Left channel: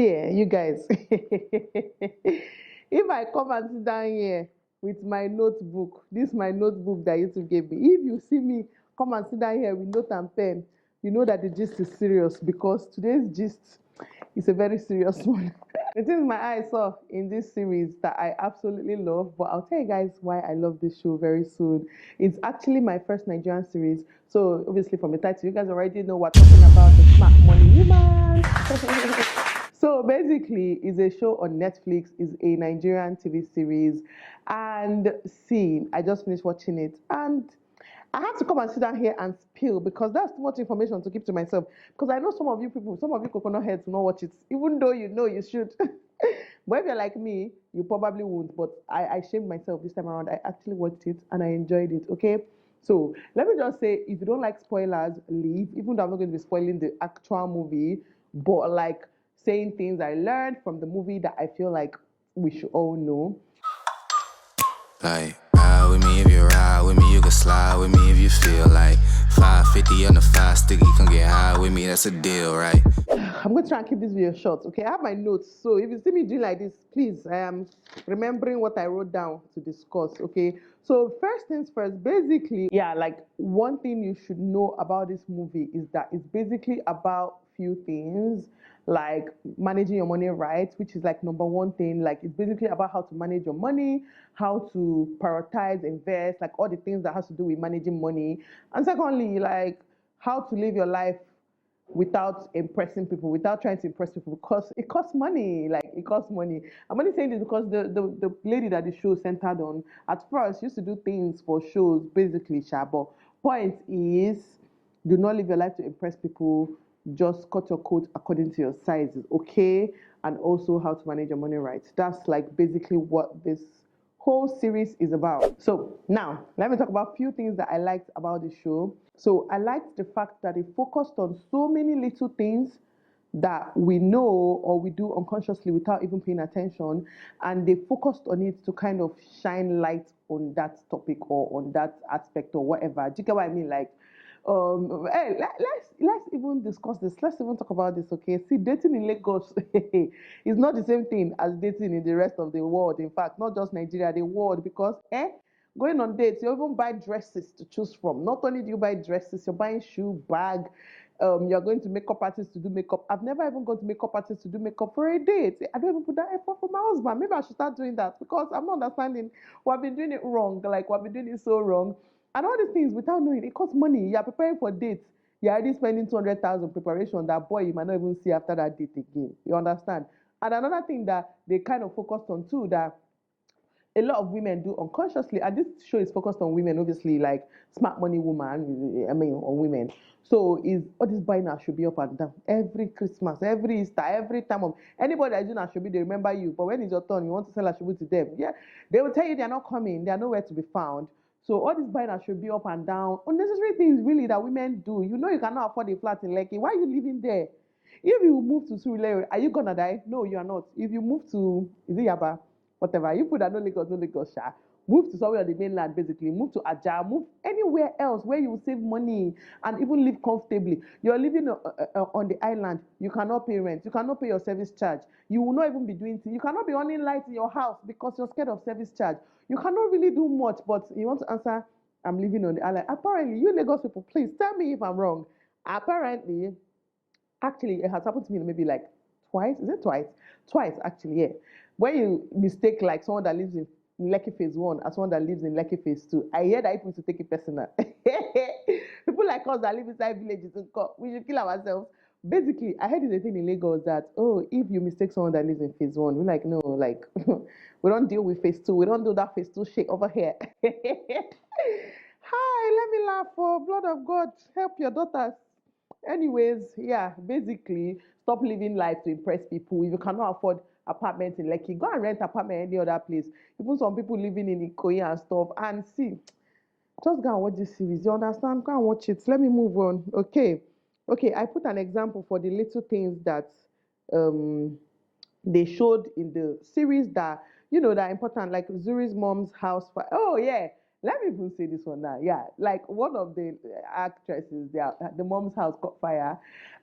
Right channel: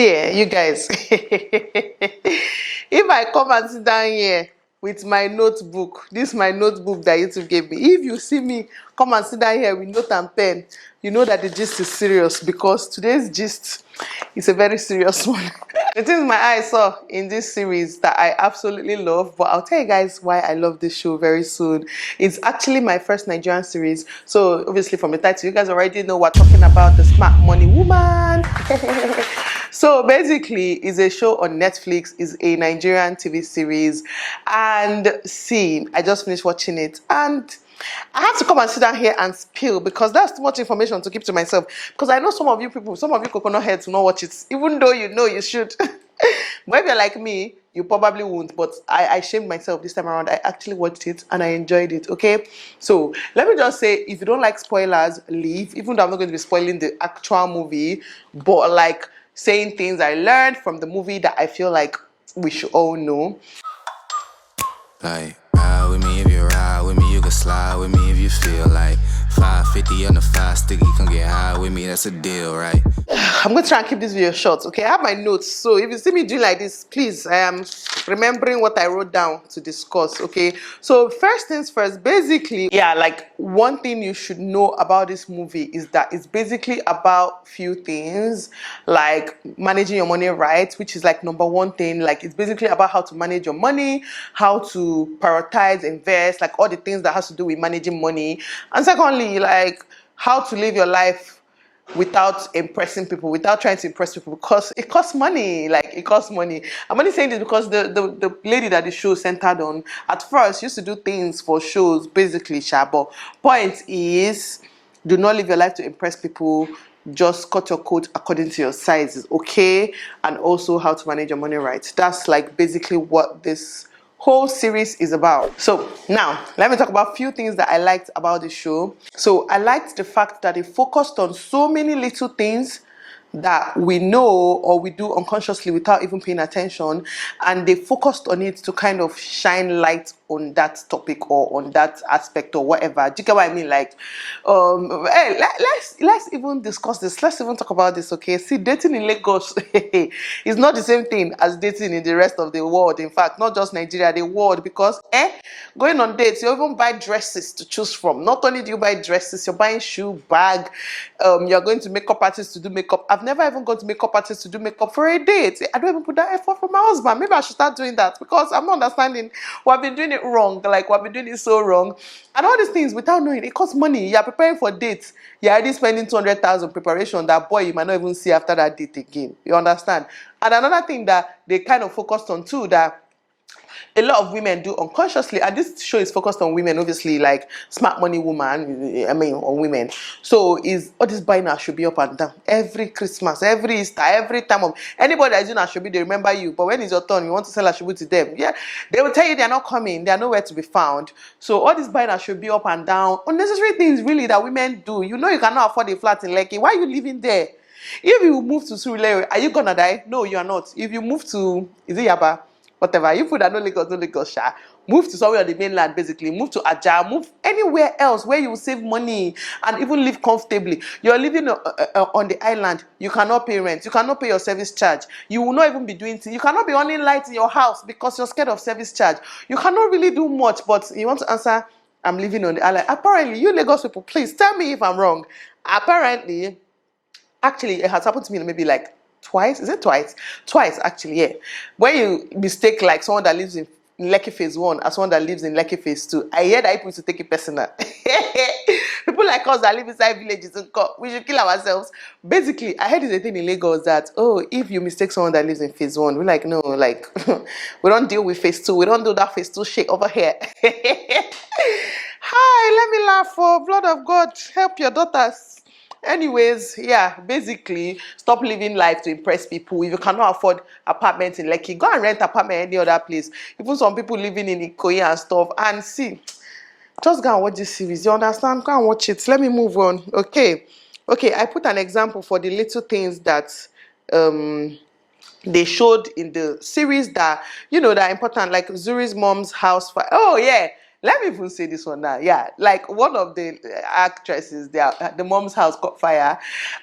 See, you guys, if I come and sit down here with my notebook, this is my notebook that YouTube gave me. If you see me come and sit down here with note and pen, you know that the gist is serious because today's gist is a very serious one. The things my eyes saw in this series that I absolutely love, but I'll tell you guys why I love this show very soon. It's actually my first Nigerian series. So obviously from the title, you guys already know we're talking about the Smart Money Woman. So basically, it's a show on Netflix, it's a Nigerian TV series. And see, I just finished watching it and I have to come and sit down here and spill because that's too much information to keep to myself. Because I know some of you people, some of you coconut heads will not watch it, even though you know you should. But if you're like me, you probably won't. But I shamed myself this time around. I actually watched it and I enjoyed it, okay? So let me just say, if you don't like spoilers, leave. Even though I'm not going to be spoiling the actual movie, but like saying things I learned from the movie that I feel like we should all know. Like, ride with me if you ride with me, you can slide with me if you feel like 550 on the 5 sticky, come get high with me, that's a deal, right? I'm going to try and keep this video short, okay? I have my notes, so if you see me doing like this, please, I am remembering what I wrote down to discuss, okay? So first things first, basically, yeah, like one thing you should know about this movie is that it's basically about few things, like managing your money right, which is like number one thing. Like it's basically about how to manage your money, how to prioritize, invest, like all the things that has to do with managing money. And secondly, like how to live your life without impressing people, without trying to impress people, because it costs money. Like it costs money. I'm only saying this because the lady that the show centered on at first used to do things for shows, basically, but point is, do not live your life to impress people. Just cut your coat according to your sizes, okay? And also how to manage your money right. That's like basically what this whole series is about. So now let me talk about a few things that I liked about the show. So I liked the fact that it focused on so many little things that we know or we do unconsciously without even paying attention, and they focused on it to kind of shine light on that topic or on that aspect or whatever. Do you get what I mean? Like, hey, let's even discuss this. Let's even talk about this, okay? See, dating in Lagos is not the same thing as dating in the rest of the world. In fact, not just Nigeria, the world, because going on dates, you even buy dresses to choose from. Not only do you buy dresses, you're buying shoe, bag, you're going to makeup artists to do makeup. I've never even gone to makeup artists to do makeup for a date. I don't even put that effort for my husband. Maybe I should start doing that because I'm not understanding. We've been doing it wrong. Like we've been doing it so wrong. And all these things without knowing, it costs money. You're preparing for dates. You're already spending 200,000 preparation. That boy, you might not even see after that date again. You understand? And another thing that they kind of focused on too, that a lot of women do unconsciously, and this show is focused on women, obviously, like Smart Money Woman, I mean, on women. So is all this buying should be up and down every Christmas, every Easter, every time of anybody that is doing Ashobi, they remember you. But when it's your turn, you want to sell Ashobi to them, yeah, they will tell you they're not coming, they're nowhere to be found. So all this buying should be up and down, unnecessary things really that women do. You know you cannot afford a flat in Lekki. Why are you living there? If you move to Surulere, are you gonna die? No, you are not. If you move to, is it Yaba? Whatever, you put that no Lagos, sha. Move to somewhere on the mainland, basically. Move to Aja, move anywhere else where you will save money and even live comfortably. You're living on the island. You cannot pay rent. You cannot pay your service charge. You will not even be doing things. You cannot be on light in your house because you're scared of service charge. You cannot really do much, but you want to answer, I'm living on the island. Apparently, you Lagos people, please tell me if I'm wrong. Apparently, actually, it has happened to me maybe like twice. Is it twice? Twice, actually, yeah. When you mistake like someone that lives in Lekki Phase 1 as someone that lives in Lekki Phase 2, I hear that people to take it personal. People like us that live inside villages, we should kill ourselves. Basically, I heard it's a thing in Lagos that, oh, if you mistake someone that lives in Phase 1, we're like, no, like, we don't deal with Phase 2. We don't do that Phase 2 shit over here. Hi, let me laugh for blood of God. Help your daughters. Anyways, yeah, basically, stop living life to impress people. If you cannot afford apartments in Lekki, go and rent apartment any other place. Even some people living in Ikoyi and stuff. And see, just go and watch this series. You understand? Go and watch it. Let me move on. Okay. Okay, I put an example for the little things that they showed in the series that, you know, that are important, like Zuri's mom's house fire. Oh, yeah. let me even say this one now. Yeah, like one of the actresses, the mom's house caught fire,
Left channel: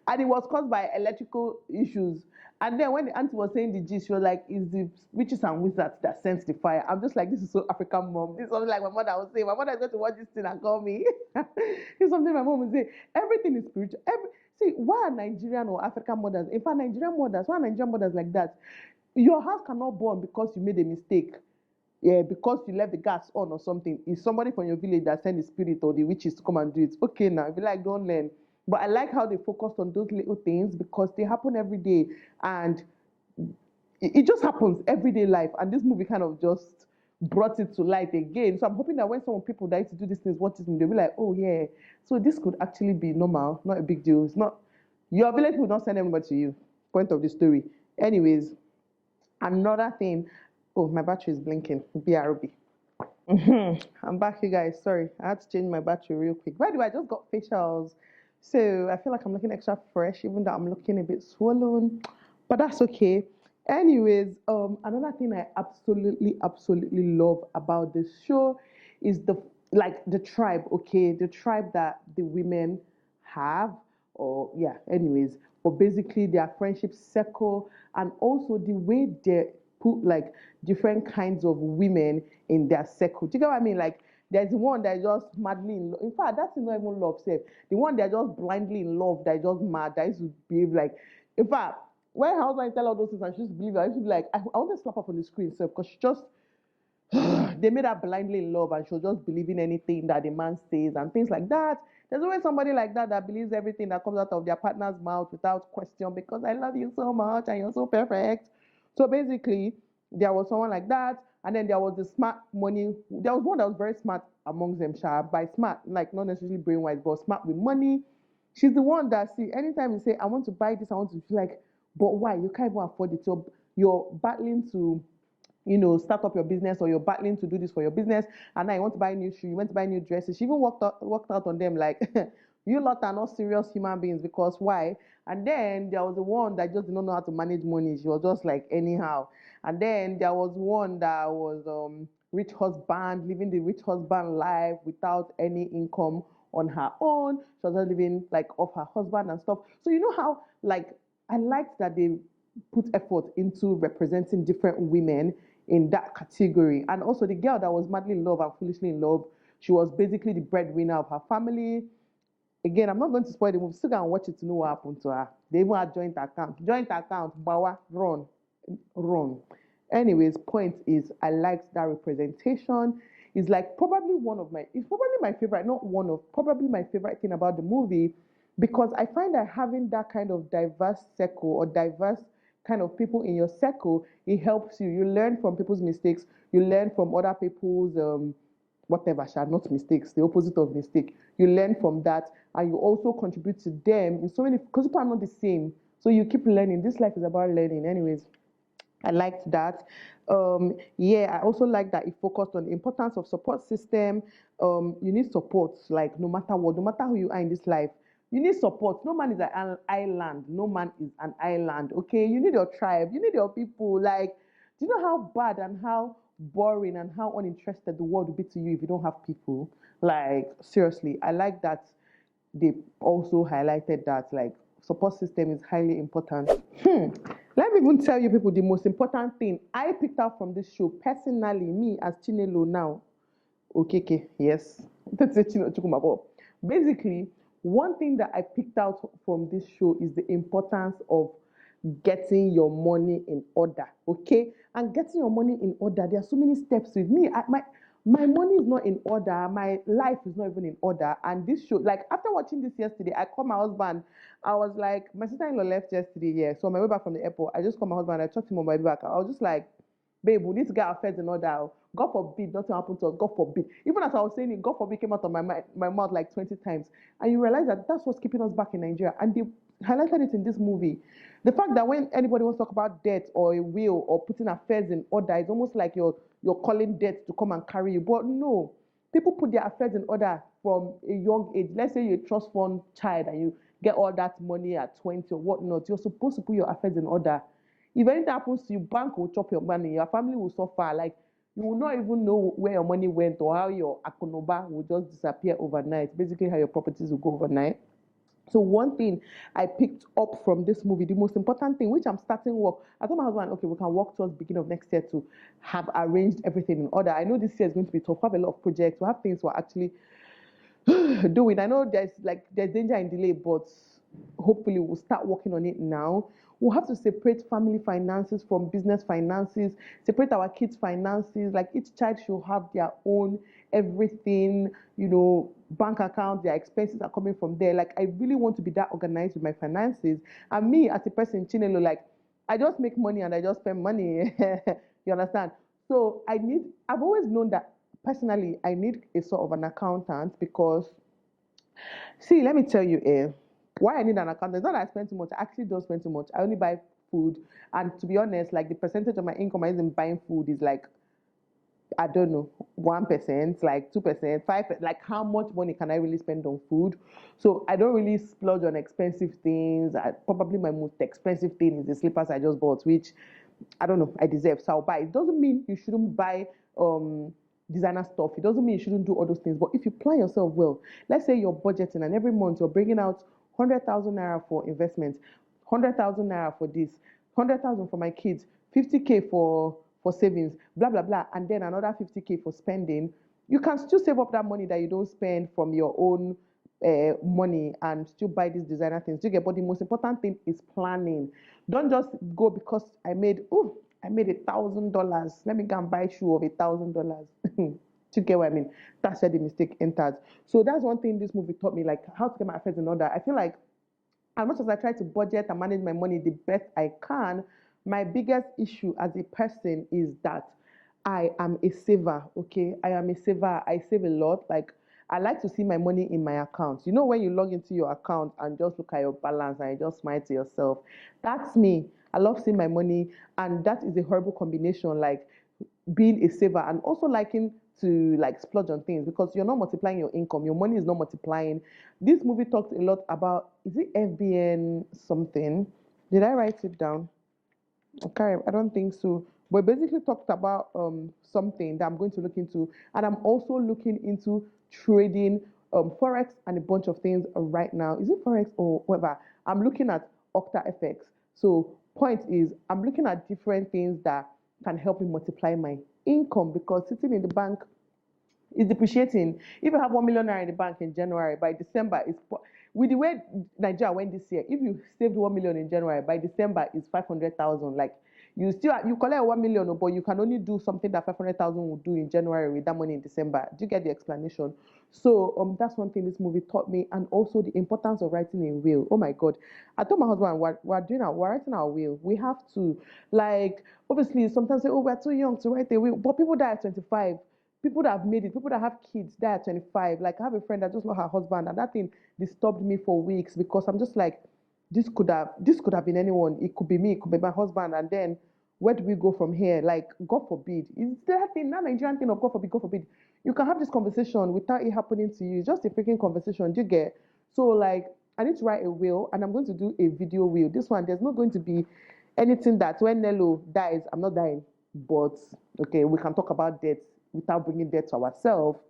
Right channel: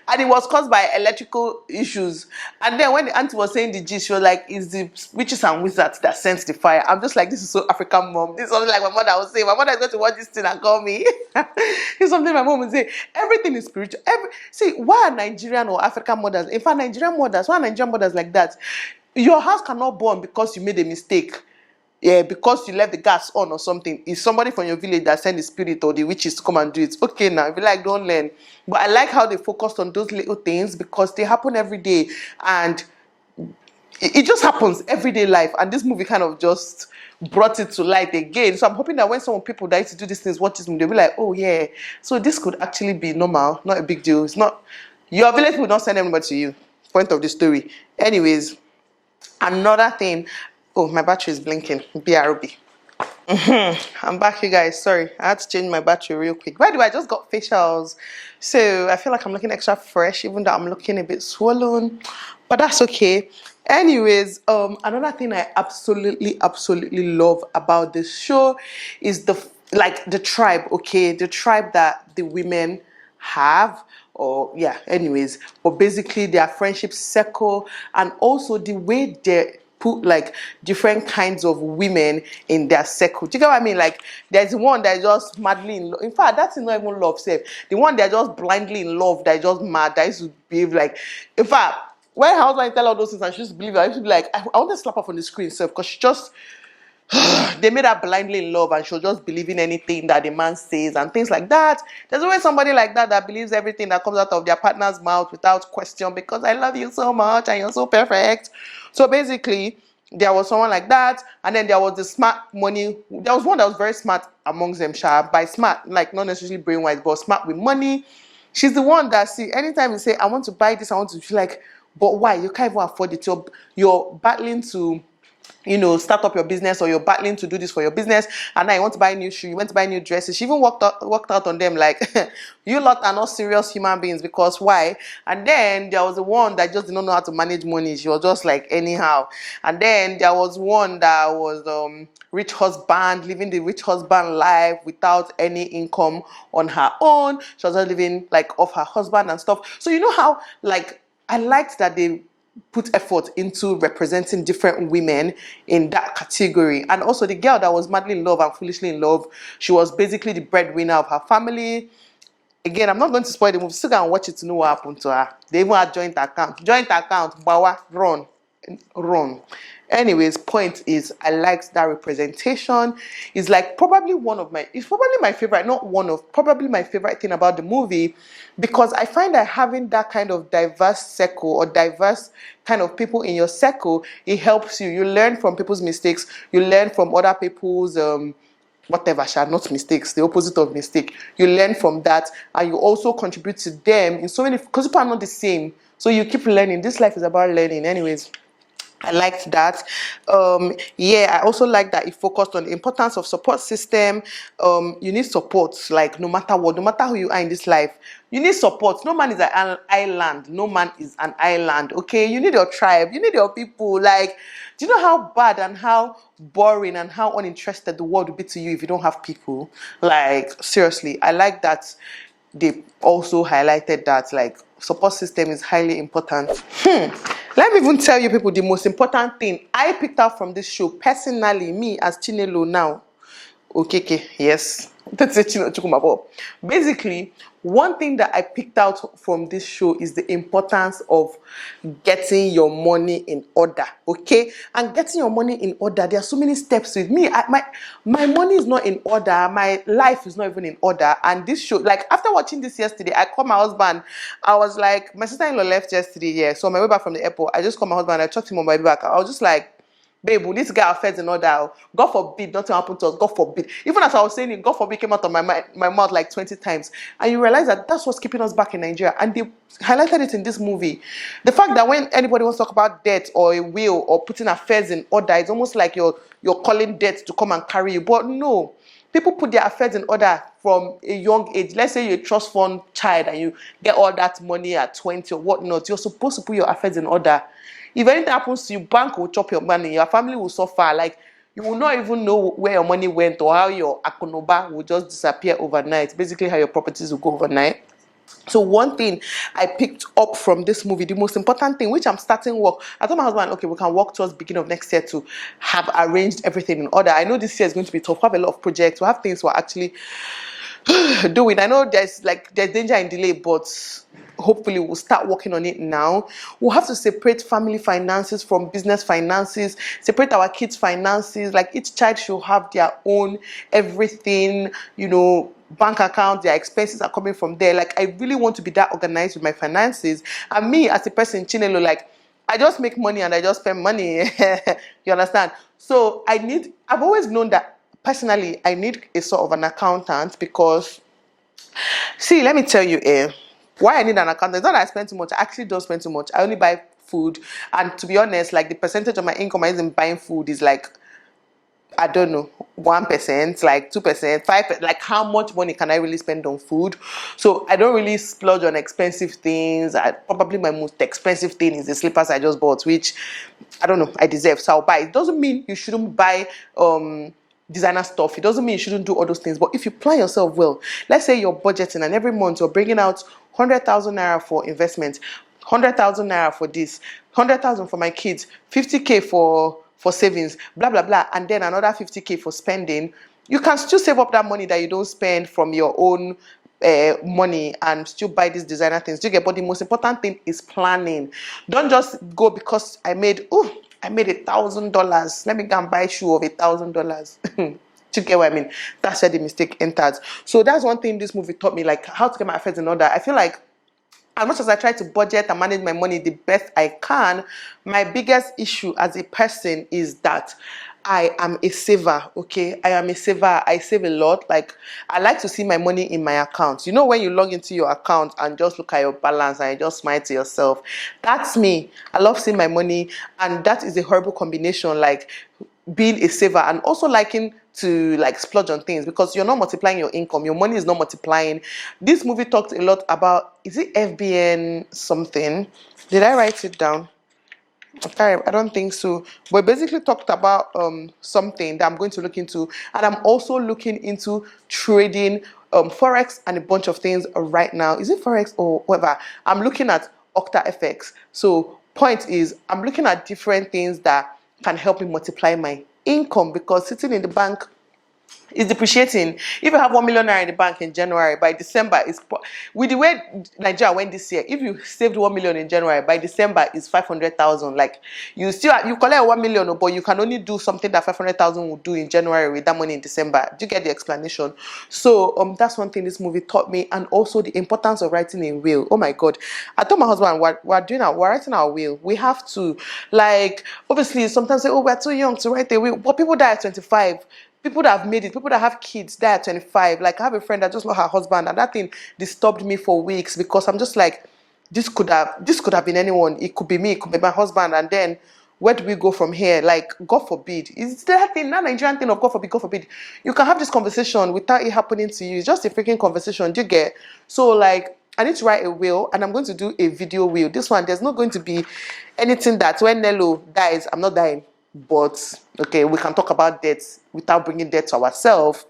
and it was caused by electrical issues. And then when the auntie was saying the gist, she was like, "It's the witches and wizards that sense the fire." I'm just like, this is so African, mom. This is something like my mother would say. My mother is going to watch this thing and call me. It's something my mom would say. Everything is spiritual. See, why are Nigerian or African mothers? In fact, why are Nigerian mothers like that? Your house cannot burn because you made a mistake. Yeah, because you left the gas on or something. It's somebody from your village that sent the spirit or the witches to come and do it. Okay, now, if you like, don't learn. But I like how they focused on those little things because they happen every day. And it just happens everyday life. And this movie kind of just brought it to light again. So I'm hoping that when some people that used to do these things watch this movie, they'll be like, oh, yeah. So this could actually be normal, not a big deal. It's not, your village will not send anybody to you. Point of the story. Anyways, another thing. Oh, my battery is blinking. BRB. I'm back, you guys. Sorry, I had to change my battery real quick. By the way, I just got facials, so I feel like I'm looking extra fresh, even though I'm looking a bit swollen. But that's okay. Anyways, another thing I absolutely love about this show is the tribe. Okay, the tribe that the women have. Or yeah, anyways, but basically their friendship circle and also the way they put like different kinds of women in their circle. Do you get what I mean? Like there's one that is just madly in love. In fact, that's not even love, safe. The one that just blindly in love, that is just mad, that used to behave like. In fact, when her husband tell all those things and she used to believe it, I used to be like, I want to slap her on the screen, self, because she just. They made her blindly in love and she'll just believe in anything that the man says and things like that. There's always somebody like that believes everything that comes out of their partner's mouth without question because I love you so much and you're so perfect. So basically, there was someone like that, and then there was the smart money. There was one that was very smart amongst them, by smart, like not necessarily brain-wise, but smart with money. She's the one that, see, anytime you say, I want to buy this, I want to feel like, but why? You can't even afford it. You're battling to start up your business, or you're battling to do this for your business, and now you want to buy new shoes, you want to buy new dresses. She even worked out on them like, you lot are not serious human beings, because why? And then there was the one that just did not know how to manage money. She was just like anyhow. And then there was one that was rich husband, living the rich husband life without any income on her own. She was just living like off her husband and stuff. So you know how, like, I liked that they put effort into representing different women in that category. And also the girl that was madly in love and foolishly in love, she was basically the breadwinner of her family. Again, I'm not going to spoil the movie. Still go and watch it to know what happened to her. They even had joint account, bawa, run. Anyways, point is, I liked that representation. It's like it's probably my favorite, probably my favorite thing about the movie, because I find that having that kind of diverse circle or diverse kind of people in your circle, it helps you. You learn from people's mistakes. You learn from other people's whatever, not mistakes, the opposite of mistake. You learn from that, and you also contribute to them in so many, because people are not the same. So you keep learning. This life is about learning. Anyways, I liked that. I also like that it focused on the importance of support system. You need support, like no matter what, no matter who you are in this life, you need support. No man is an island. No man is an island. Okay, you need your tribe. You need your people. Like, do you know how bad and how boring and how uninterested the world would be to you if you don't have people? Like, seriously, I like that they also highlighted that, like, support system is highly important. Let me even tell you people the most important thing I picked out from this show, personally, me as Chinelo now. Okay, yes. That's it, basically, one thing that I picked out from this show is the importance of getting your money in order, okay? And getting your money in order, there are so many steps with me. My money is not in order. My life is not even in order. And this show, like, after watching this yesterday, I called my husband. I was like, my sister-in-law left yesterday, yeah. So on my way back from the airport, I just called my husband. I talked to him on my way back. I was just like, babe, will this guy affairs in order? God forbid, nothing happened to us. God forbid. Even as I was saying it, God forbid came out of my mouth like 20 times. And you realize that that's what's keeping us back in Nigeria. And they highlighted it in this movie. The fact that when anybody wants to talk about debt or a will or putting affairs in order, it's almost like you're calling debt to come and carry you. But no, people put their affairs in order from a young age. Let's say you're a trust fund child and you get all that money at 20 or whatnot. You're supposed to put your affairs in order. If anything happens to you, bank will chop your money, your family will suffer. Like, you will not even know where your money went or how your akonoba will just disappear overnight. Basically, how your properties will go overnight. So one thing I picked up from this movie, the most important thing, which I'm starting work, I told my husband, okay, we can work towards beginning of next year to have arranged everything in order. I know this year is going to be tough. We have a lot of projects. We have things we're actually doing. I know there's danger in delay, but hopefully we'll start working on it now. We'll have to separate family finances from business finances, separate our kids' finances. Like each child should have their own everything, bank account, their expenses are coming from there. Like I really want to be that organized with my finances. And me as a person, Chinelo, like I just make money and I just spend money. You understand? So I've always known that personally, I need a sort of an accountant because, see, let me tell you, why I need an accountant. It's not that I spend too much. I actually don't spend too much. I only buy food. And to be honest, like the percentage of my income I use in buying food is like, I don't know, 1%, like 2%, 5%, like how much money can I really spend on food? So I don't really splurge on expensive things. Probably my most expensive thing is the slippers I just bought, which I don't know, I deserve. So I'll buy. It doesn't mean you shouldn't buy designer stuff. It doesn't mean you shouldn't do all those things. But if you plan yourself well, let's say you're budgeting and every month you're bringing out 100,000 naira for investment, 100,000 naira for this, 100,000 for my kids, 50K for savings, blah, blah, blah, and then another 50K for spending, you can still save up that money that you don't spend from your own money and still buy these designer things. Do you get? But the most important thing is planning. Don't just go because I made $1,000. Let me go and buy a shoe of $1,000. Do you get what I mean? That's where the mistake enters. So that's one thing this movie taught me, like how to get my affairs in order. I feel like as much as I try to budget and manage my money the best I can, my biggest issue as a person is that I am a saver, okay? I am a saver. I save a lot. Like, I like to see my money in my account. You know when you log into your account and just look at your balance and you just smile to yourself? That's me. I love seeing my money, and that is a horrible combination, like being a saver and also liking to like splurge on things because you're not multiplying your income. Your money is not multiplying. This movie talked a lot about, is it FBN something? Did I write it down? Okay, I don't think so. But basically talked about something that I'm going to look into. And I'm also looking into trading Forex and a bunch of things right now. Is it Forex or whatever? I'm looking at Octa FX. So point is, I'm looking at different things that can help me multiply my income because sitting in the bank is depreciating. If you have 1 million naira in the bank in January, by December with the way Nigeria went this year, if you saved 1 million in January, by December is 500,000. Like you collect 1 million, but you can only do something that 500,000 would do in January with that money in December. Do you get the explanation? So that's one thing this movie taught me, and also the importance of writing a will. Oh my God, I told my husband we're writing our will. We have to, like, obviously sometimes say, oh, we're too young to write a will, but people die at 25. People that have made it, people that have kids, die at 25. Like I have a friend that just lost her husband, and that thing disturbed me for weeks because I'm just like, this could have been anyone. It could be me, it could be my husband, and then where do we go from here? Like, God forbid. Is that thing, that Nigerian thing of God forbid, God forbid. You can have this conversation without it happening to you. It's just a freaking conversation. Do you get? So like, I need to write a will, and I'm going to do a video will. This one, there's not going to be anything that when Nelo dies, I'm not dying. But okay, we can talk about death without bringing death to ourselves.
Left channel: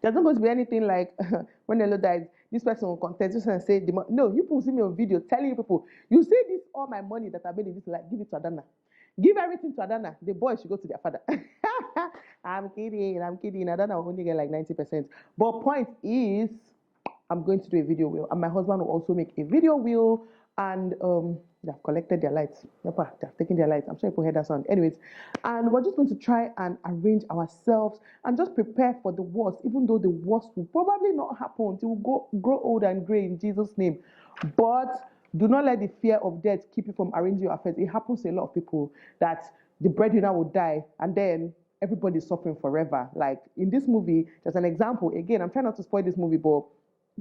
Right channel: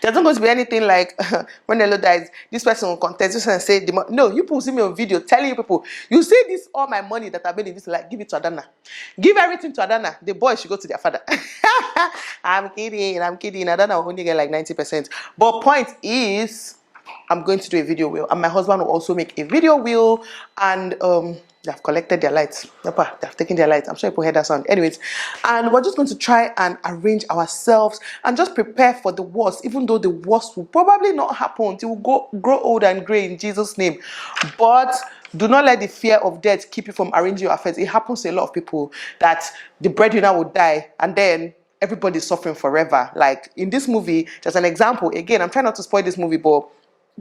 There's not going to be anything like when Nelo dies, this person will contest this and say, no, you people see me on video telling you people, you see this, all my money that I made in this, like, give it to Adana. Give everything to Adana. The boys should go to their father. I'm kidding. Adana will only get like 90%. But point is, I'm going to do a video wheel, and my husband will also make a video wheel, and they've collected their lights. They've taken their lights. I'm sure people heard that sound. Anyways, and we're just going to try and arrange ourselves and just prepare for the worst, even though the worst will probably not happen. It will grow old and gray in Jesus' name. But do not let the fear of death keep you from arranging your affairs. It happens to a lot of people that the breadwinner will die, and then everybody's suffering forever. Like in this movie, just an example. Again, I'm trying not to spoil this movie, but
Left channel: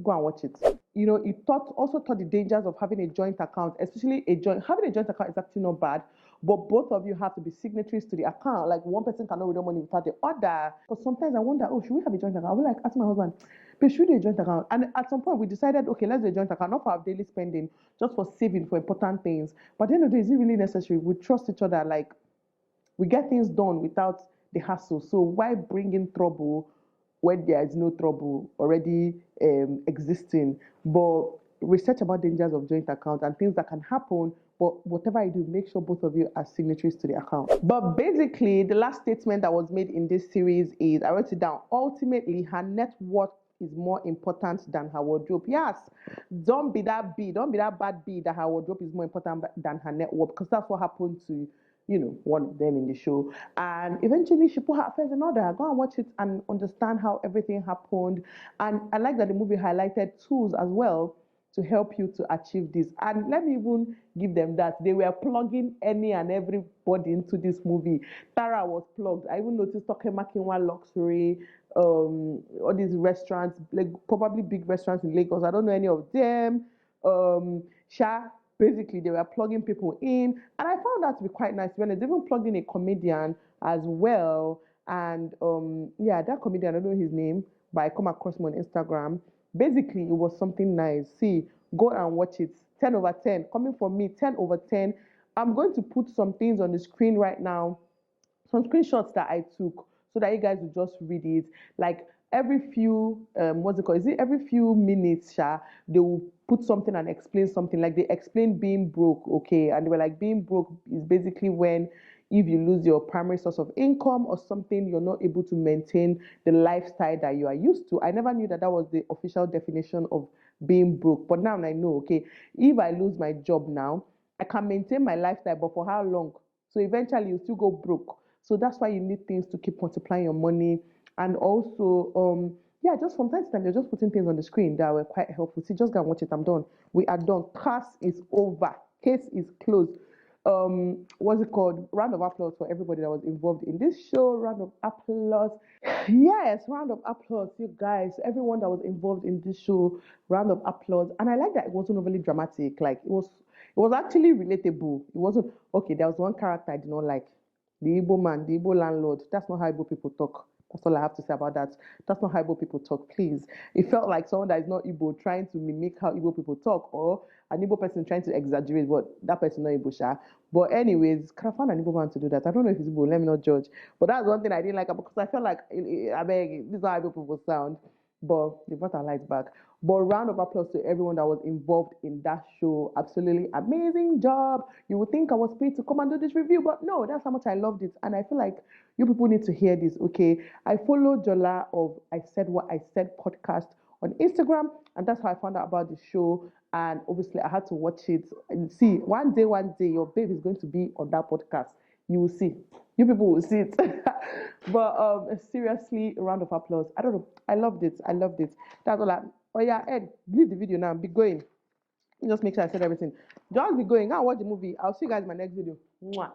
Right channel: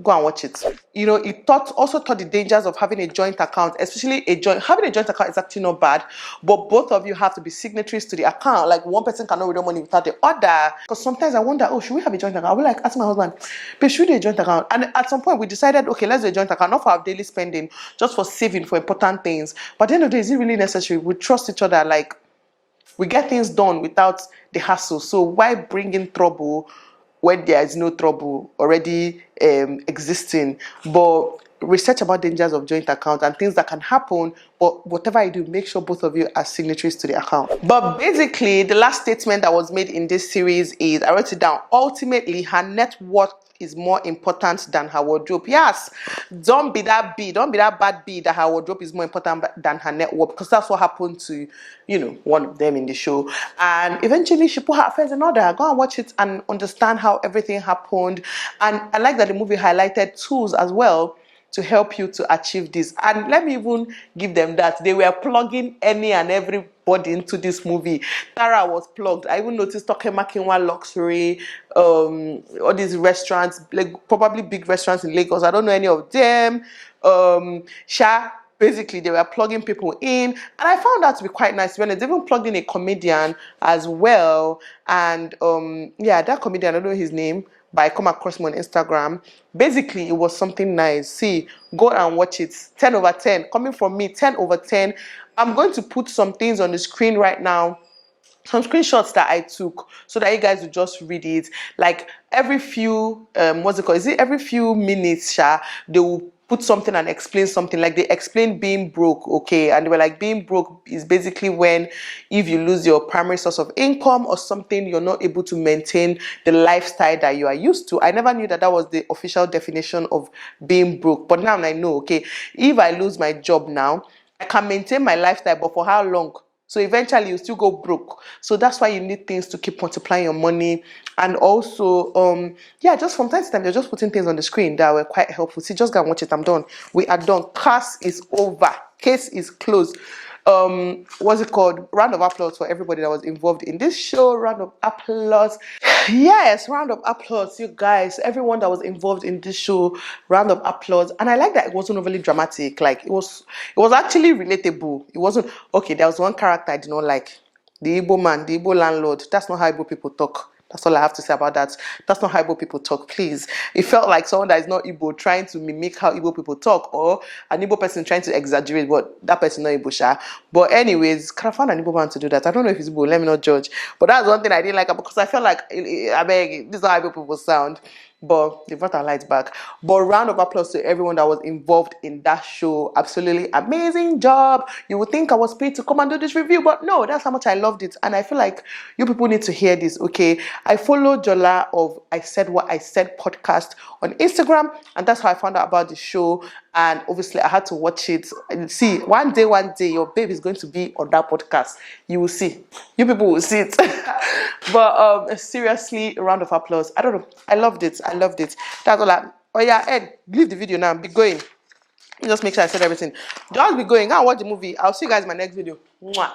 go and watch it. You know, it also taught the dangers of having a joint account, especially having a joint account is actually not bad, but both of you have to be signatories to the account. Like one person cannot withdraw money without the other. Because sometimes I wonder, oh, should we have a joint account? I will like ask my husband, but should we do a joint account? And at some point we decided, okay, let's do a joint account, not for our daily spending, just for saving for important things. But at the end of the day, is it really necessary? We trust each other, like, we get things done without the hassle. So why bring in trouble when there is no trouble already existing? But research about dangers of joint account and things that can happen, but whatever you do, make sure both of you are signatories to the account. But basically, the last statement that was made in this series is, I wrote it down, ultimately her net worth is more important than her wardrobe. Yes, don't be that bad bee that her wardrobe is more important than her net worth, because that's what happened to, you know, one of them in the show. And eventually she put her affairs in order. Go and watch it and understand how everything happened. And I like that the movie highlighted tools as well to help you to achieve this. And let me even give them that. They were plugging any and everybody into this movie. Tara was plugged. I even noticed Tokemakinwa Luxury, all these restaurants, like probably big restaurants in Lagos. I don't know any of them. Sha, basically they were plugging people in, and I found that to be quite nice. When they even plugged in a comedian as well, and yeah, that comedian, I don't know his name, but I come across him on Instagram. Basically, it was something nice. See, go and watch it. 10 over 10. Coming from me, 10 over 10. I'm going to put some things on the screen right now, some screenshots that I took, so that you guys will just read it. Like every few, what's it called? Is it every few minutes, they will put something and explain something. Like they explained being broke, okay? And they were like, being broke is basically when, if you lose your primary source of income or something, you're not able to maintain the lifestyle that you are used to. I never knew that that was the official definition of being broke. But now I know, okay? If I lose my job now, I can maintain my lifestyle, but for how long? So eventually you still go broke. So that's why you need things to keep multiplying your money. And also, yeah, just from time to time, they're just putting things on the screen that were quite helpful. See, just go and watch it. I'm done. We are done. Class is over. Case is closed. What's it called? Round of applause for everybody that was involved in this show. Round of applause. Yes, round of applause, you guys. Everyone that was involved in this show. Round of applause. And I like that it wasn't overly dramatic. Like it was actually relatable. It wasn't okay. There was one character I did not like. The Igbo man, the Igbo landlord. That's not how Igbo people talk. That's all I have to say about that. That's not how Igbo people talk, please. It felt like someone that is not Igbo trying to mimic how Igbo people talk, or an Igbo person trying to exaggerate, but that person not Igbo, sha. But anyways, can I find an Igbo man to do that? I don't know if it's Igbo, let me not judge. But that's one thing I didn't like, because I felt like, I beg, this is how Igbo people sound. But they brought our lights back. But round of applause to everyone that was involved in that show. Absolutely amazing job. You would think I was paid to come and do this review, but no, that's how much I loved it. And I feel like you people need to hear this, okay? I follow Jola of I Said What I Said podcast on Instagram, and that's how I found out about the show. And obviously I had to watch it. And see, one day, your babe is going to be on that podcast. You will see. You people will see it. But seriously, a round of applause. I don't know. I loved it. That's all oh yeah, Ed, leave the video now. Be going. Just make sure I said everything. Just be going. Go and watch the movie. I'll see you guys in my next video. Mwah.